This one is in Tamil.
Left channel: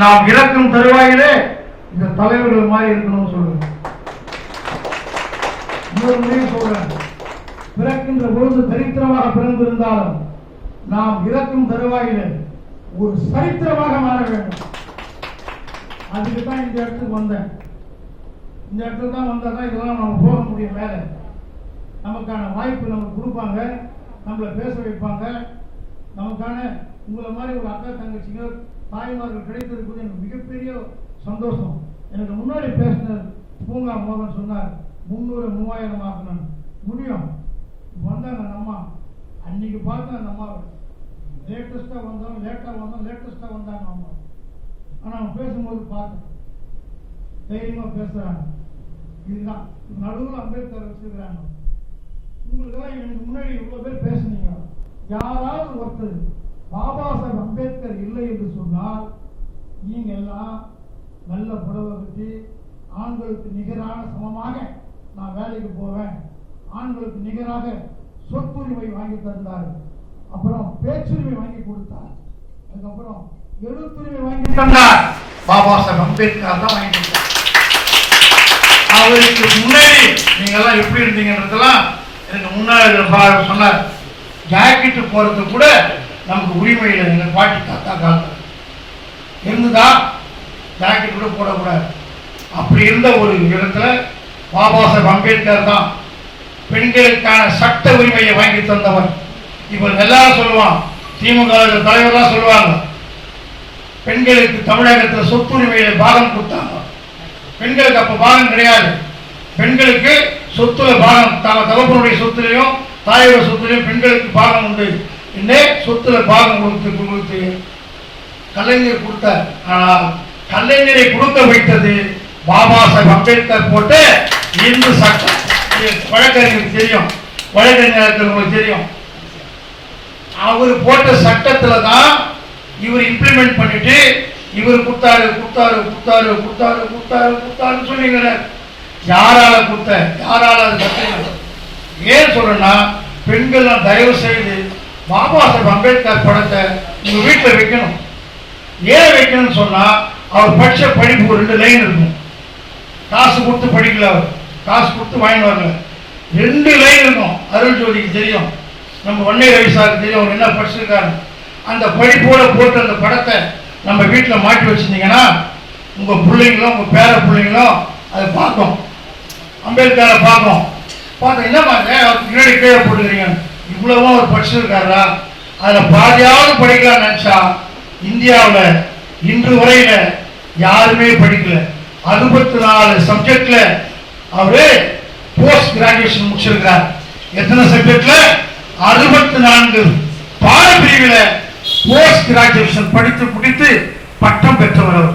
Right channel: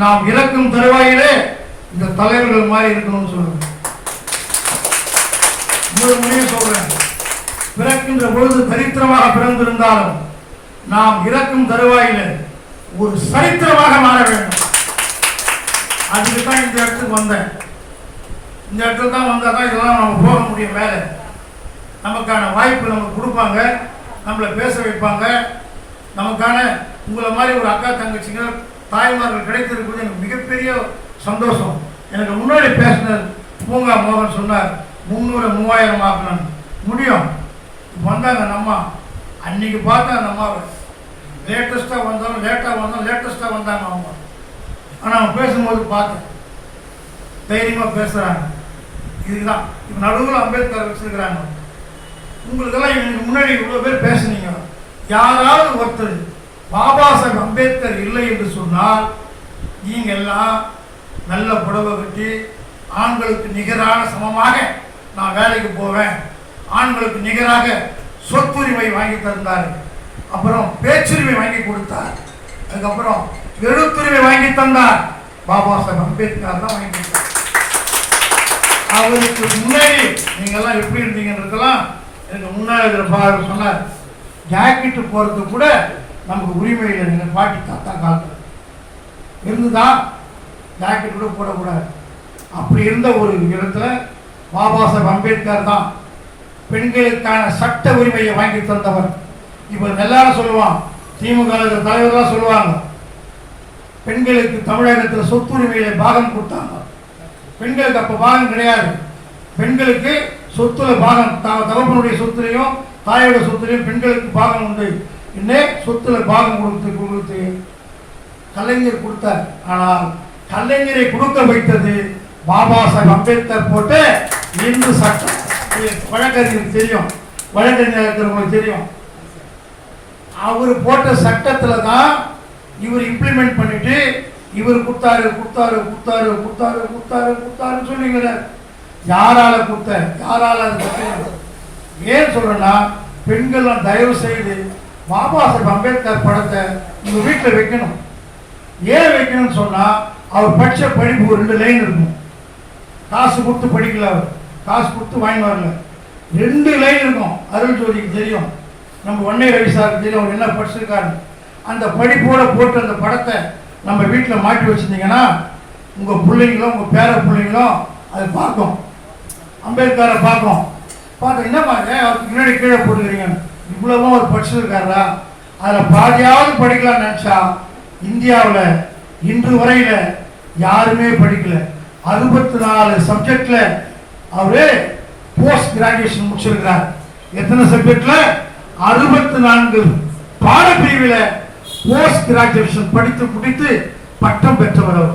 நாம் இறக்கும் தருவாயிலே இந்த தலைவர்கள் மாதிரி இருக்கணும்னு சொல்லுவேன் இன்னொரு முறையும் சொல்றேன். பிறக்கின்ற பொழுது தரித்திரமாக பிறந்திருந்தாலும் நாம் இறக்கும் தருவாயிலே ஒரு சரித்திரமாக மாற வேண்டும். அதுக்கு தான் இந்த இடத்துக்கு வந்தேன். இந்த இடத்துக்கு தான் வந்தால் தான் இதெல்லாம் நம்ம போக முடியும் மேலே நமக்கான வாய்ப்பு நமக்கு கொடுப்பாங்க. நம்மளை பேச வைப்பாங்க. நமக்கான உங்களை மாதிரி ஒரு அக்கா தங்கச்சிங்க தாய்மார்கள் கிடைத்திருப்பது எனக்கு மிகப்பெரிய சந்தோஷம். எனக்கு முன்னாடி பேசினர் பூங்கா மோகன் சொன்னார் முந்நூறு மூவாயிரம் ஆக்கணும் முடியும். வந்தாங்க அந்த அம்மா. அன்னைக்கு பார்த்தா அந்த அம்மாவை லேட்டஸ்ட்டாக வந்தாலும் லேட்டாக வந்தாலும் லேட்டஸ்ட்டாக வந்தாங்க அவங்க. ஆனால் அவன் பேசும்போது பார்த்தேன். தைரியமாக பேசுகிறாங்க இதுதான். இப்போ நடுவில் அம்பேத்கர் வச்சுருக்கிறாங்க. உங்களுக்கெல்லாம் எனக்கு முன்னாடி இவ்வளோ பேர் பேசுனீங்க. யாராவது ஒருத்தர் பாபா சாஹேப் அம்பேத்கர் இல்லை என்று சொன்னால் நீங்கள்லாம் நல்ல புடவை கட்டி ஆண்களுக்கு நிகரான சமமாக நான் வேலைக்கு போவேன். ஆண்களுக்கு நிகராக சொத்துரிமை வாங்கி தந்தார். அப்புறம் பேச்சுரிமை வாங்கி கொடுத்தார். அதுக்கப்புறம் எழுத்துரிமை வாங்கி தந்தார். பாபா சாஹிப் அம்பேத்கர் தான் வாங்கி தந்தார். அவருக்கு முன்னாடி நீங்கள்லாம் எப்படி இருந்தீங்கன்றதெல்லாம் எனக்கு முன்னாடி சொன்னார். ஜாக்கெட்டு போகிறது கூட நமக்கு உரிமையில் எங்கள் பாட்டி தாத்தா காலத்தில். இருந்துதா ஜாக்கெட் கூட போடக்கூடாது. அப்படி இருந்த ஒரு இடத்துல பாபா சாஹேப் அம்பேத்கர் தான் பெண்களுக்கான சட்ட உரிமையை வாங்கி தந்தவர். இவன் எல்லாரும் சொல்லுவான் திமுக தலைவர்லாம் சொல்லுவாங்க பெண்களுக்கு தமிழகத்தில் சொத்துரிமையில பாகம் கொடுத்தாங்க. பெண்களுக்கு அப்போ பாகம் கிடையாது. பெண்களுக்கு சொத்துல பாகம் தக தகப்பனுடைய சொத்துலையும் தாயோட சொத்துலையும் பெண்களுக்கு பாகம் உண்டு. இன்னே சொத்துல பாகம் கொடுத்து கொடுத்து கலைஞர் கொடுத்தார். ஆனால் கலைஞரை கொடுக்க வைத்தது பாபா சாஹிப் அம்பேத்கர் போட்ட இந்து சட்டம் வழக்கறிஞர் தெரியும். வழக்கறிஞர் தெரியும். அவர் போட்ட சட்டத்தில் தான் இவர் இம்ப்ளிமெண்ட் பண்ணிட்டு இவர் கொடுத்தாரு கொடுத்தாரு கொடுத்தாரு கொடுத்தாரு கொடுத்தாரு கொடுத்தாருன்னு சொன்னீங்க யாரால கொடுத்த யாரால அது ஏன் சொல்றேன்னா பெண்கள்லாம் தயவு செய்து பாபா சாஹேப் அம்பேத்கர் படத்தை உங்கள் வீட்டில் வைக்கணும். ஏன் வைக்கணும்னு சொன்னால் அவர் படித்த படிப்பு ரெண்டு லைன் இருக்கும். காசு கொடுத்து படிக்கல அவர். காசு கொடுத்து வாங்கிட்டு வரல. ரெண்டு லைன் இருக்கும். அருள் ஜோதிக்கு தெரியும். நம்ம ஒன்னே வயசாக தெரியும். அவர் என்ன படிச்சிருக்காரு. அந்த படிப்போட போட்டு அந்த படத்தை நம்ம வீட்டில் மாட்டி வச்சிருந்தீங்கன்னா உங்கள் பிள்ளைங்களும் உங்கள் பேர பிள்ளைங்களும் அதை பார்க்கும். அம்பேத்கரை பார்க்கும். பார்த்தா என்ன மாதிரி அவருக்கு கீழே கீழே போட்டுக்கிறீங்க இவ்வளவோ அவர் படிச்சிருக்காரா? அதில் பாதியாவது படிக்கலாம்னு நினச்சா இந்தியாவில் இன்று வரையில யாருமே படிக்கல. அறுபத்தி நாலு சப்ஜெக்ட்ல அவரு போஸ்ட் கிராஜுவேஷன் முடிச்சிருக்கார். எத்தனை சப்ஜெக்ட்ல அறுபத்தி நான்கு பாடப்பிரிவில் போஸ்ட் கிராஜுவேஷன் படித்து முடித்து பட்டம் பெற்றவர் அவர்.